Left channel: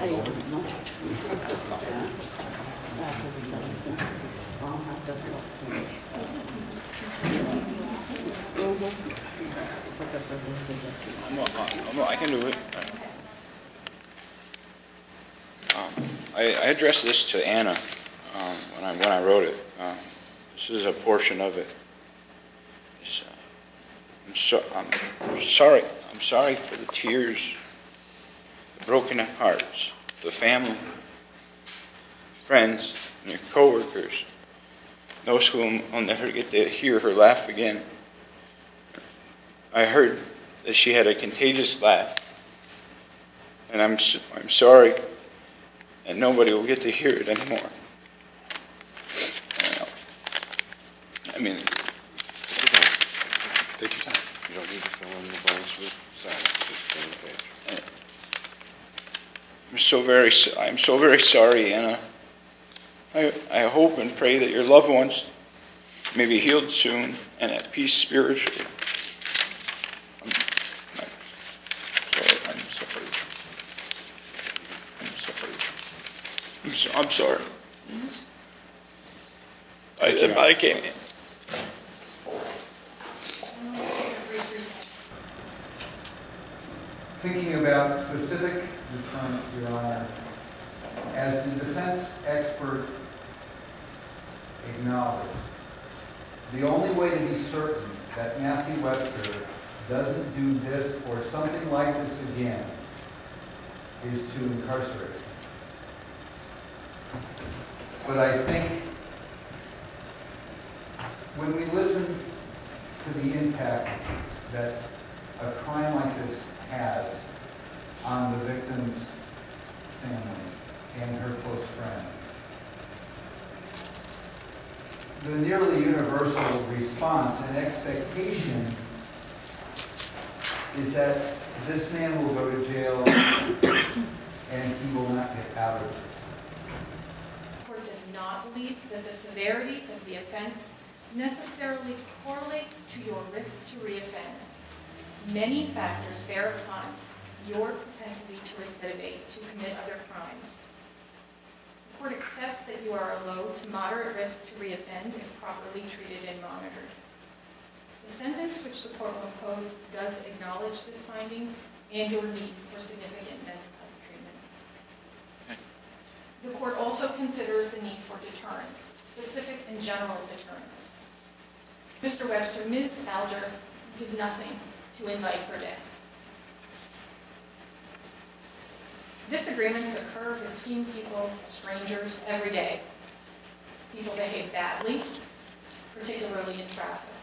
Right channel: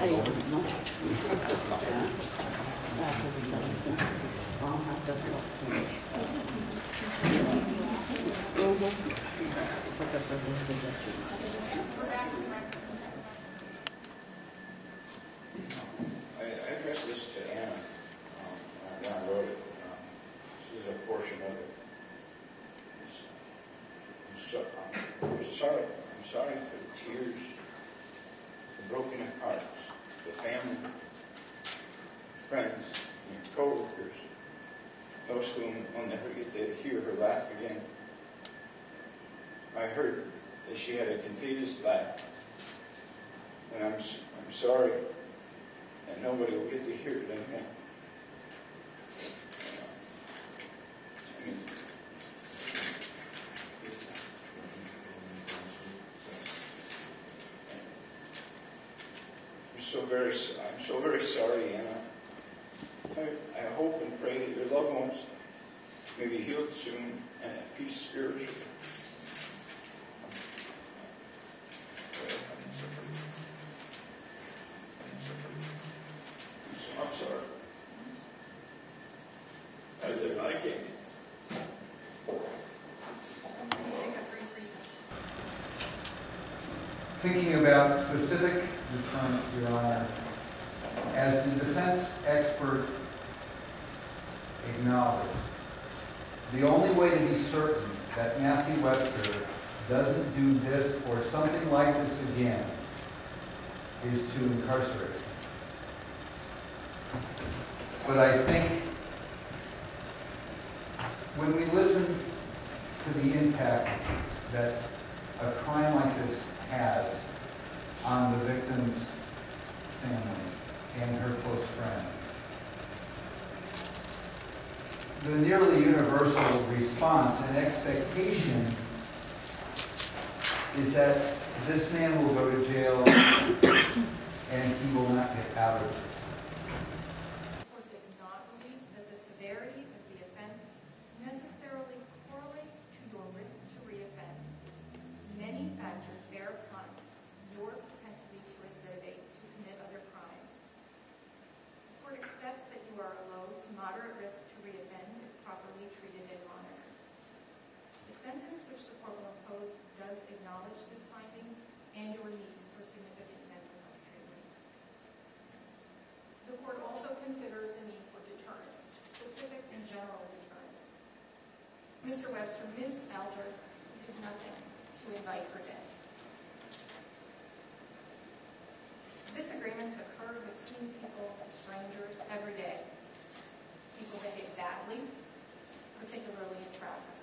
I don't know. Well, I can do it. I addressed this to Anna when I wrote it. This is a portion of it. I'm sorry. I'm sorry for the tears, the broken hearts, the family, friends, and your coworkers, those whom will never get to hear her laugh again. I heard that she had a contagious laugh, and I'm sorry, and nobody will get to hear it anymore. I mean, take your time. You don't need to fill in the blanks with. I'm so very sorry, Anna. I hope and pray that your loved ones may be healed soon and at peace spiritually. I'm sorry. I can't. Thinking about specific deterrence, Your Honor, as the defense expert acknowledged, the only way to be certain that Matthew Webster doesn't do this or something like this again is to incarcerate him. But I think when we listen to the impact that a crime like this has on the victim's family and her close friends, the nearly universal response and expectation is that this man will go to jail and he will not get out of it. The court does not believe that the severity of the offense necessarily correlates to your risk to reoffend. Many factors bear upon your propensity to recidivate, to commit other crimes. The court accepts that you are a low to moderate risk to reoffend if properly treated and monitored. The sentence which the court will impose does acknowledge this finding and your need for significant mental health treatment. The court also considers the need for deterrence, specific and general deterrence. Mr. Webster, Ms. Alger did nothing to invite her death. Disagreements occur between people, strangers, every day. People behave badly, particularly in traffic.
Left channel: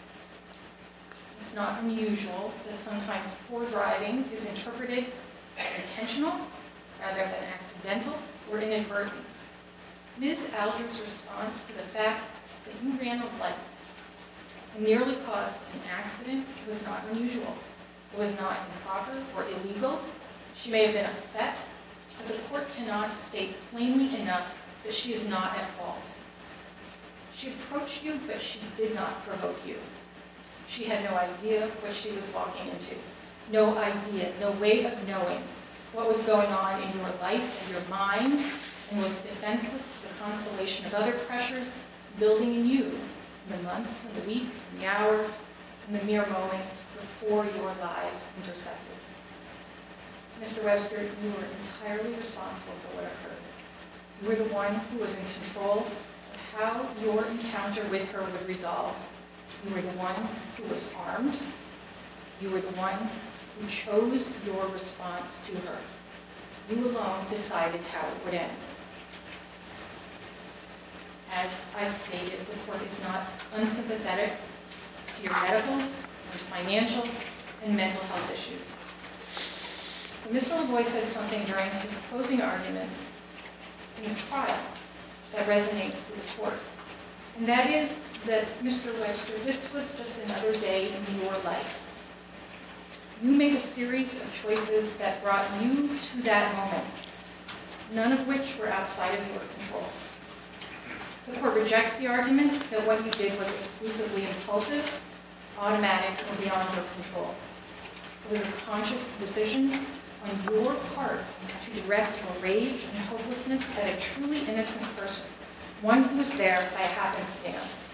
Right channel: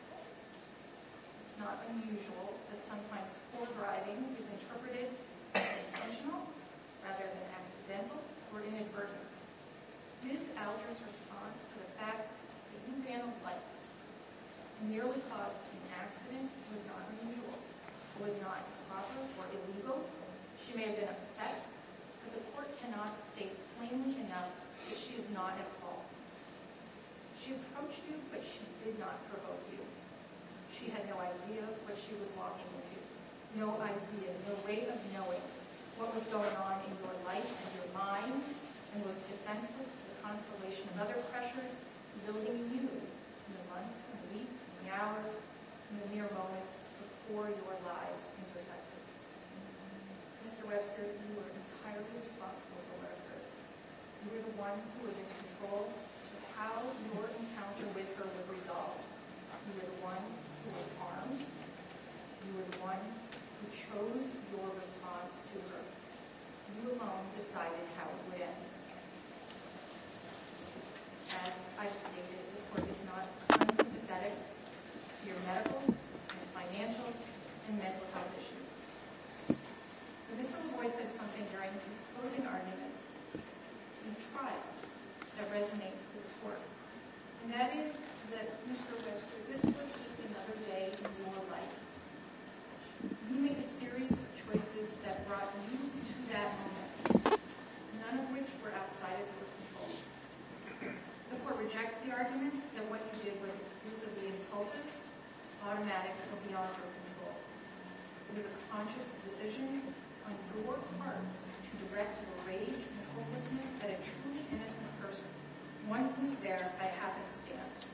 It's not unusual that sometimes poor driving is interpreted as intentional rather than accidental or inadvertent. Ms. Alger's response to the fact that you ran a light and nearly caused an accident was not unusual. It was not improper or illegal. She may have been upset, but the court cannot state plainly enough that she is not at fault. She approached you, but she did not provoke you. She had no idea what she was walking into. No idea, no way of knowing what was going on in your life and your mind, and was defenseless to the constellation of other pressures building in you in the months and the weeks and the hours and the mere moments before your lives intersected. Mr. Webster, you were entirely responsible for what occurred. You were the one who was in control of how your encounter with her would resolve. You were the one who was armed. You were the one who chose your response to her. You alone decided how it would end. As I stated, the court is not unsympathetic to your medical, and financial, and mental health issues. But Mr. LaVoy said something during his closing argument in the trial that resonates with the court. And that is that, Mr. Webster, this was just another day in your life. You made a series of choices that brought you to that moment, none of which were outside of your control. The court rejects the argument that what you did was exclusively impulsive, automatic, or beyond your control. It was a conscious decision on your part to do direct your rage and hopelessness at a truly innocent person, one who was there by happenstance.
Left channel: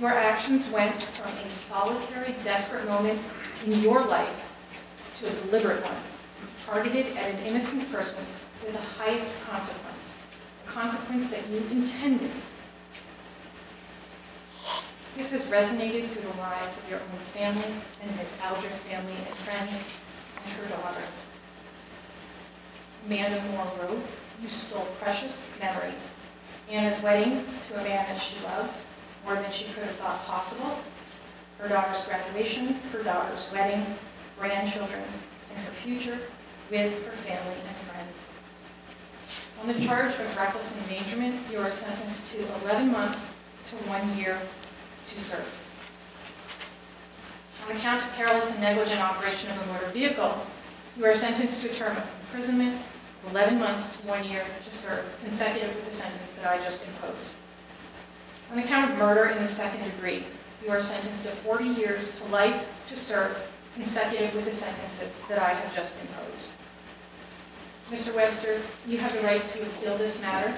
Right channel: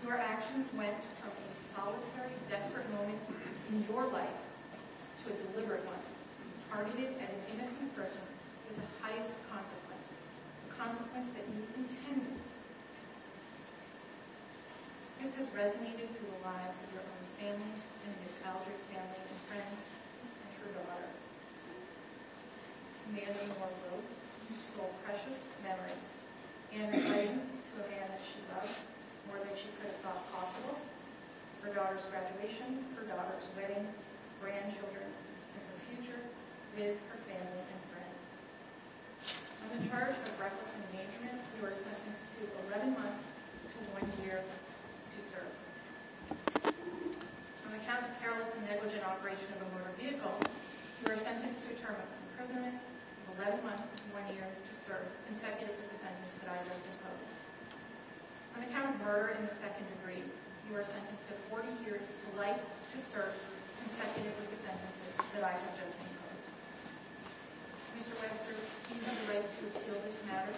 Your actions went from a solitary, desperate moment in your life to a deliberate one, targeted at an innocent person with the highest consequence, a consequence that you intended. This has resonated through the lives of your own family and Ms. Alger's family and friends and her daughter. Amanda Moore wrote, "You stole precious memories. Anna's wedding to a man that she loved more than she could have thought possible. Her daughter's graduation, her daughter's wedding, grandchildren, and her future with her family and friends." On the charge of reckless endangerment, you are sentenced to 11 months to 1 year to serve. On the count of careless and negligent operation of a motor vehicle, you are sentenced to a term of imprisonment of 11 months to 1 year to serve, consecutive with the sentence that I just imposed. On the count of murder in the second degree, you are sentenced to 40 years to life to serve, consecutive with the sentences that I have just imposed. Mr. Webster, you have the right to appeal this matter.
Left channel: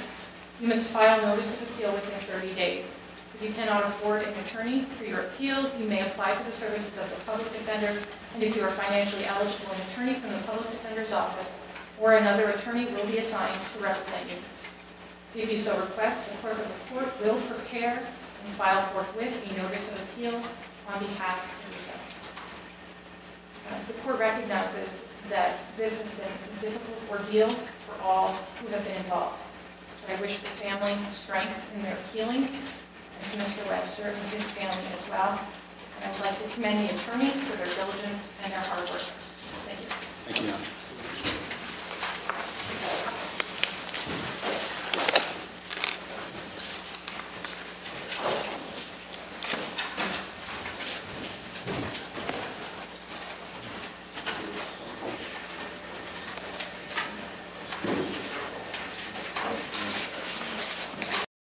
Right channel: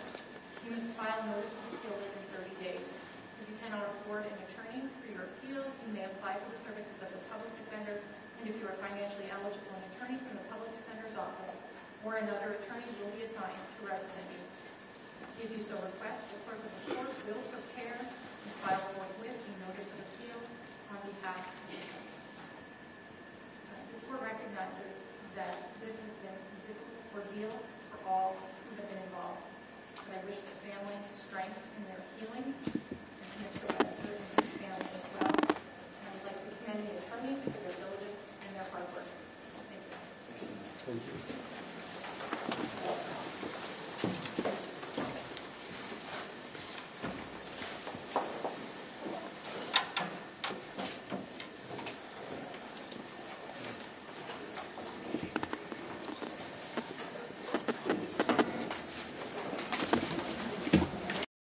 You must file notice of appeal within 30 days. If you cannot afford an attorney for your appeal, you may apply for the services of the public defender, and if you are financially eligible, an attorney from the public defender's office or another attorney will be assigned to represent you. If you so request, the clerk of the court will prepare and file forthwith a notice of appeal on behalf of yourself. The court recognizes that this has been a difficult ordeal for all who have been involved. But I wish the family strength in their healing, and to Mr. Webster and his family as well. And I would like to commend the attorneys for their diligence and their hard work. Thank you. Thank you.